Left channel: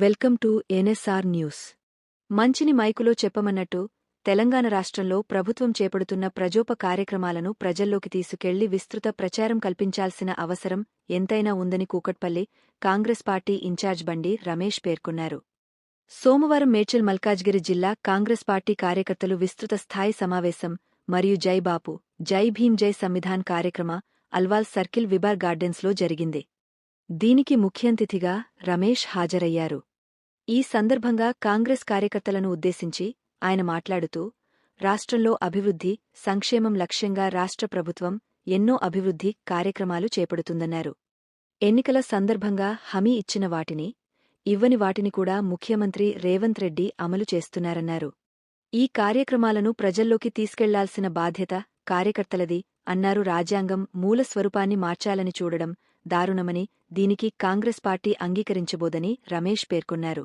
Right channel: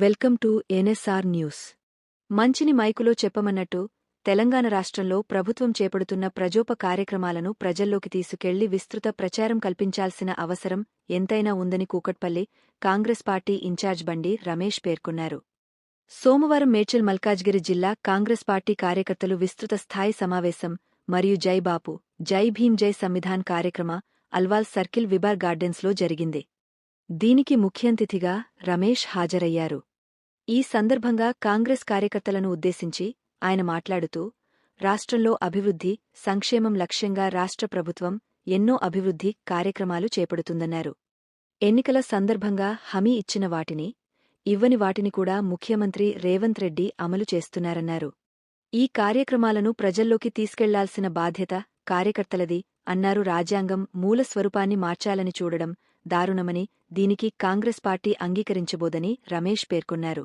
Welcome to NSR news. మంచిని మైకులో చెప్పమన్నట్టు తెలంగాణ రాష్ట్రంలో ప్రభుత్వం చేపడుతున్న ప్రజోప కార్యక్రమాలను ప్రజల్లోకి తీసుకెళ్ళి విస్తృత ప్రచారం కల్పించాల్సిన అవసరం ఎంతైనా ఉందని కూకట్పల్లి కాంగ్రెస్ పార్టీ ఇన్ఛార్జ్ బండి రమేష్ పేర్కొన్నారు. సోమవారం మేడ్చల్ మల్కాజ్గిరి జిల్లా కాంగ్రెస్ పార్టీ కార్యకర్తలు విస్తృత స్థాయి సమావేశం మరియు జై బాపు జై భీం జై సంవిధాన్ కార్యక్రమ అల్వాల్ సర్కిల్ విబార్ గార్డెన్స్లో జరిగింది. దీనికి ముఖ్యంతిథిగా రమేష్ హాజరయ్యారు. ఈ సందర్భంగా కాంగ్రెస్ కార్యకర్తలను ఉద్దేశించి ఆయన మాట్లాడుతూ రాష్ట్రంలో అభివృద్ధి సంక్షేమం లక్ష్యంగా రాష్ట్ర ప్రభుత్వం ఎన్నో అభివృద్ధి కార్యక్రమాలు చేపడుతుందన్నారు. ఎన్నికల సందర్భంగా హామీ ఇచ్చిన వాటిని ఇవ్వని వాటిని కూడా ముఖ్యమంత్రి రేవంత్ రెడ్డి అమలు చేస్తున్నారన్నారు. ఈ కార్యక్రమాలను ప్రజల్లోకి తీసుకెళ్ళాల్సిన బాధ్యత కార్యకర్తలది అన్నారు రాజ్యాంగం మూల స్వరూపాన్ని మార్చాలని చూడడం దారుణమని దీనికి కాంగ్రెస్ పార్టీ అంగీకరించబోదని రమేష్ పేర్కొన్నారు.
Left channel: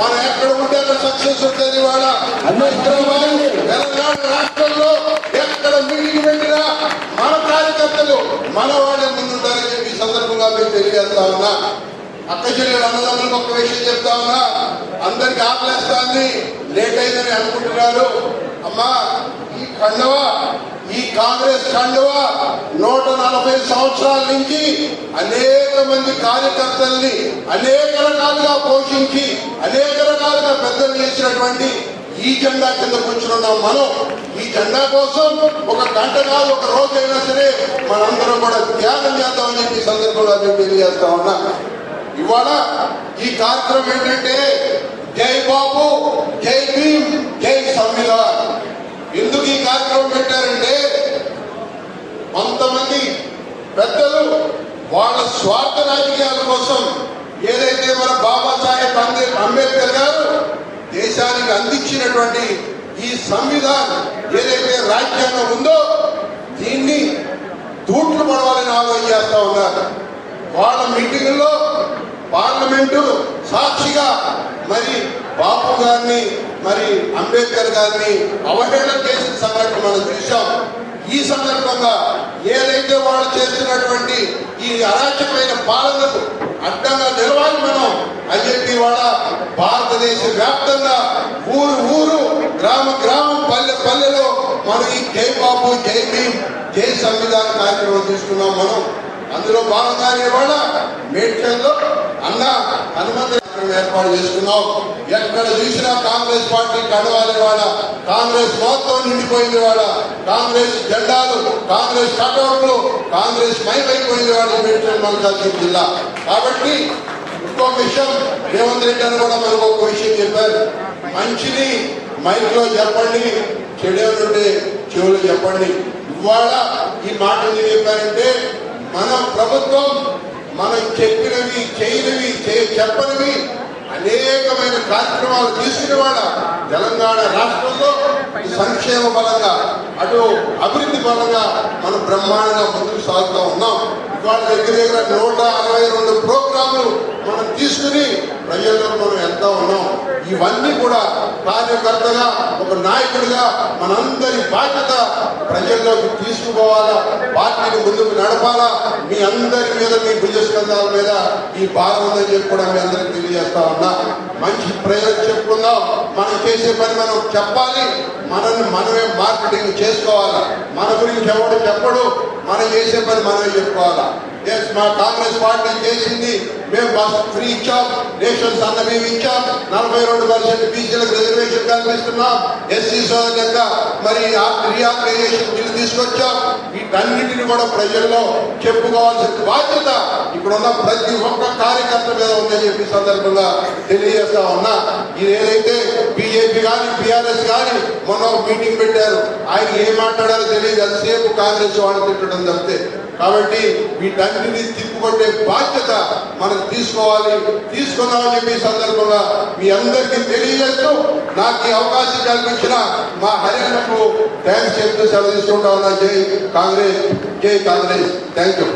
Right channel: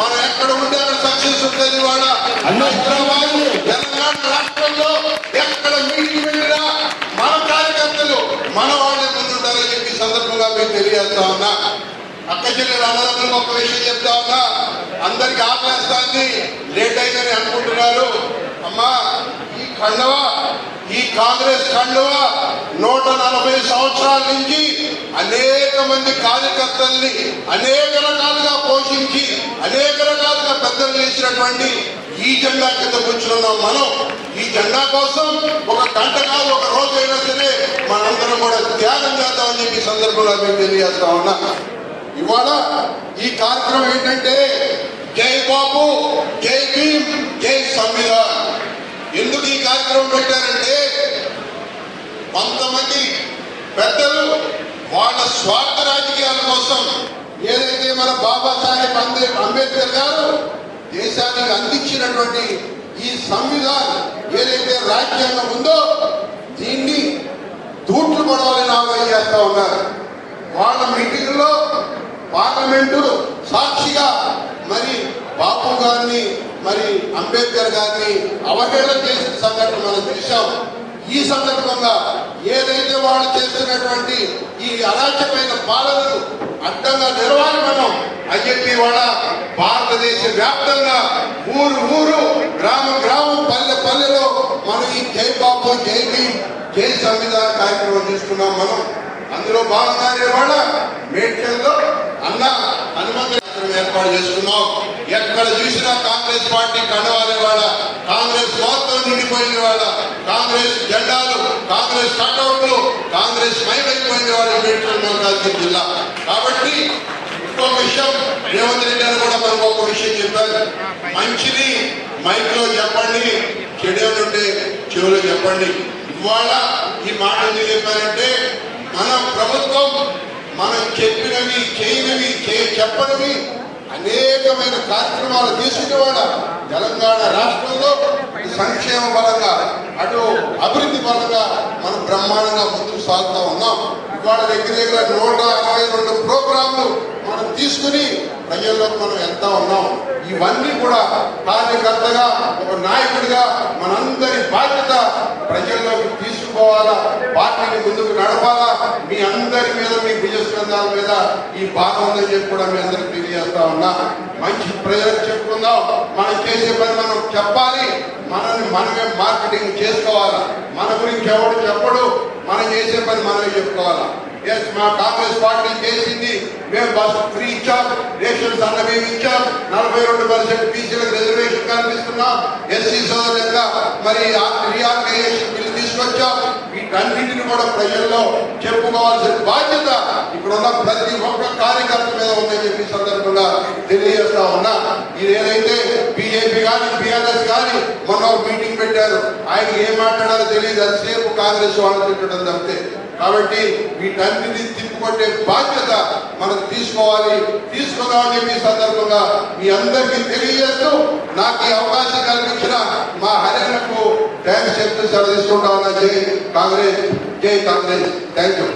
మనం ఎక్కడ ఉంటే అక్కడ సక్సెస్ ఉంటుంది ఇవాళ. తెలంగాణ రాష్ట్రంలో ఎక్కడ మీటింగ్ వెళ్ళినా మన కార్యకర్తలు మన వాళ్ళ ముందుంటారని చెప్పి సందర్భంగా మీకు తెలియజేస్తా ఉన్నా. అక్క చెల్లెలు అన్నదమ్ములకు ఒక విషయం చెప్తా ఉన్నా. అందరికి ఆకలిస్తాంది. లేట్ అయిందని అనుకుంటున్నారు. అమ్మా ఈ కండవా ఈ కాంగ్రెస్ కండవా అనేక మంది కార్యకర్తల్ని అనేక రకాలుగా పోషించి అనేక రకాలుగా పెద్దలు చేసినటువంటి ఈ జెండా కింద కూర్చున్నాం మనం. ఈ జెండా కోసం ఒక గంట కాదు ఒక రోజు అయినా సరే మనందరం కూడా త్యాగం చేద్దామని చెప్పి సందర్భంలో మేము తెలియజేస్తా ఉన్నా. ఇవాళ ఈ కార్యక్రమం ఏంటంటే జై బాబు జై భీమ్ జై సంవిధాన్ ఎందుకు ఈ కార్యక్రమం పెట్టారంటే కొంతమంది పెద్దలు వాళ్ళ స్వార్థ రాజకీయాల కోసం ఏదైతే మన బాబాసాహెబ్ అంబే అంబేద్కర్ గారు దేశానికి అందించినటువంటి ఈ సంవిధానం ఏదైతే రాజ్యాంగం ఉందో దీన్ని తూట్లు పడవాలని ఆలోచన చేస్తా ఉన్నారు వాళ్ళ మీటింగ్లో పార్లమెంటు సాక్షిగా మరి బాపు గారిని మరి అంబేద్కర్ గారిని అవహేళన చేసిన సందర్భం మనం చూశాం. ఈ సందర్భంగా ఏదైతే వాళ్ళు చేస్తున్నటువంటి ఈ అరాచకమైన పాలనకు అడ్డంగా నిలవాలి మనం అని చెప్పి వాళ్ళ భారతదేశ వ్యాప్తంగా ఊరు ఊరు గ్రామ గ్రామం పల్లె పల్లెలో మనం ఈ జై బాబు జై భీమ్ జై సంవిధాన కార్యక్రమం తీసుకున్నాం మనం. అందులో భాగంగా వాళ్ళ మేడ్చల్లో అన్న హనుమంత ఏర్పాటు చేసుకున్నాం. ఎక్కడ చూసినా కాంగ్రెస్ పార్టీ కడవాలి వాళ్ళ. కాంగ్రెస్ మొత్తం నిండిపోయింది వాళ్ళ. కాంగ్రెస్ జెండాలు కాంగ్రెస్ కటౌట్లు కాంగ్రెస్ మైకైపోయింది వాళ్ళ మేడ్చల్ మల్కాజ్గిరి జిల్లా. కాబట్టి ఇంకొక విషయం రేవంత్ రెడ్డి గారు కూడా మనకు ఒక విషయం చెప్పారు. మంచిని మైక్లో చెప్పండి చెడేమంటే చెవులు చెప్పండి. ఇవాళ ఈ మాట చెప్పారంటే మన ప్రభుత్వం చెప్పినవి చేయనివి చెప్పనివి అనేకమైన కార్యక్రమాలు తీసుకుని వాళ్ళ తెలంగాణ రాష్ట్రంలో సంక్షేమ పరంగా అటు అభివృద్ధి పరంగా మనం బ్రహ్మాండంగా ముందుకు సాగుతా ఉన్నాం. ఇవాళ దగ్గర దగ్గర నూట అరవై రెండు ప్రోగ్రాములు మనం తీసుకుని ప్రజల్లో మనం వెళ్తా ఉన్నాం. ఇవన్నీ కూడా కార్యకర్తగా ఒక నాయకుడిగా మనందరి బాధ్యత ప్రజల్లోకి తీసుకుపోవాలా పార్టీని ముందుకు నడపాలా మీ అందరి మీద మీ భుజస్కంధాల మీద ఈ బాధ ఉందని చెప్పి కూడా మీ అందరికి తెలియజేస్తా ఉన్నా. మంచి ప్రజలకు చెప్పుకుందాం. మనం చేసే పని మనం చెప్పాలి. మనల్ని మనమే మార్కెటింగ్ చేసుకోవాలి. మన గురించి ఎవడు చెప్పడు. మనం చేసే పని మనమే చెప్పుకోవాలా. ఎస్ మా కాంగ్రెస్ పార్టీ చేసింది. మేము బస్ ఫ్రీ ఇచ్చాం. రేషన్స్ అన్న మేము ఇచ్చాం. నలభై రెండు పర్సెంట్ బీసీలకు రిజర్వేషన్ కల్పిస్తున్నాం. ఎస్సీ సోదరులుగా మరి రీఆర్గనైజేషన్ బిల్లు తీసుకొచ్చాం. వీటన్నిటిని కూడా ప్రజల్లో చెప్పుకోవాల్సిన బాధ్యత ఇప్పుడున్న ప్రతి ఒక్క కార్యకర్త మీద ఉందని చెప్పి ఈ సందర్భంగా తెలియజేస్తా ఉన్నా ఇది ఏదైతే బీజేపీ కానీ బీఆర్ఎస్ కానీ మొన్న ఒక మీటింగ్ పెట్టారు ఆయన ఏం మాట్లాడారో తెలియదు అంతసేపు కాంగ్రెస్ వాళ్ళు తిట్టడం తప్పితే కాబట్టి వీటన్నిటిని తిప్పుకొట్టే బాధ్యత మనం తీసుకోవాలి తీసుకుందామని చెప్పి ఈ సందర్భంగా మీ అందరికీ తెలియజేస్తూ నాకు ఈ అవకాశం కల్పించిన మా హర్యానాకు థ్యాంక్స్ చెప్తూ సెలవు తీసుకుంటా ఉన్నా జై కాంగ్రెస్ జై కాంగ్రెస్ థ్యాంక్ యూ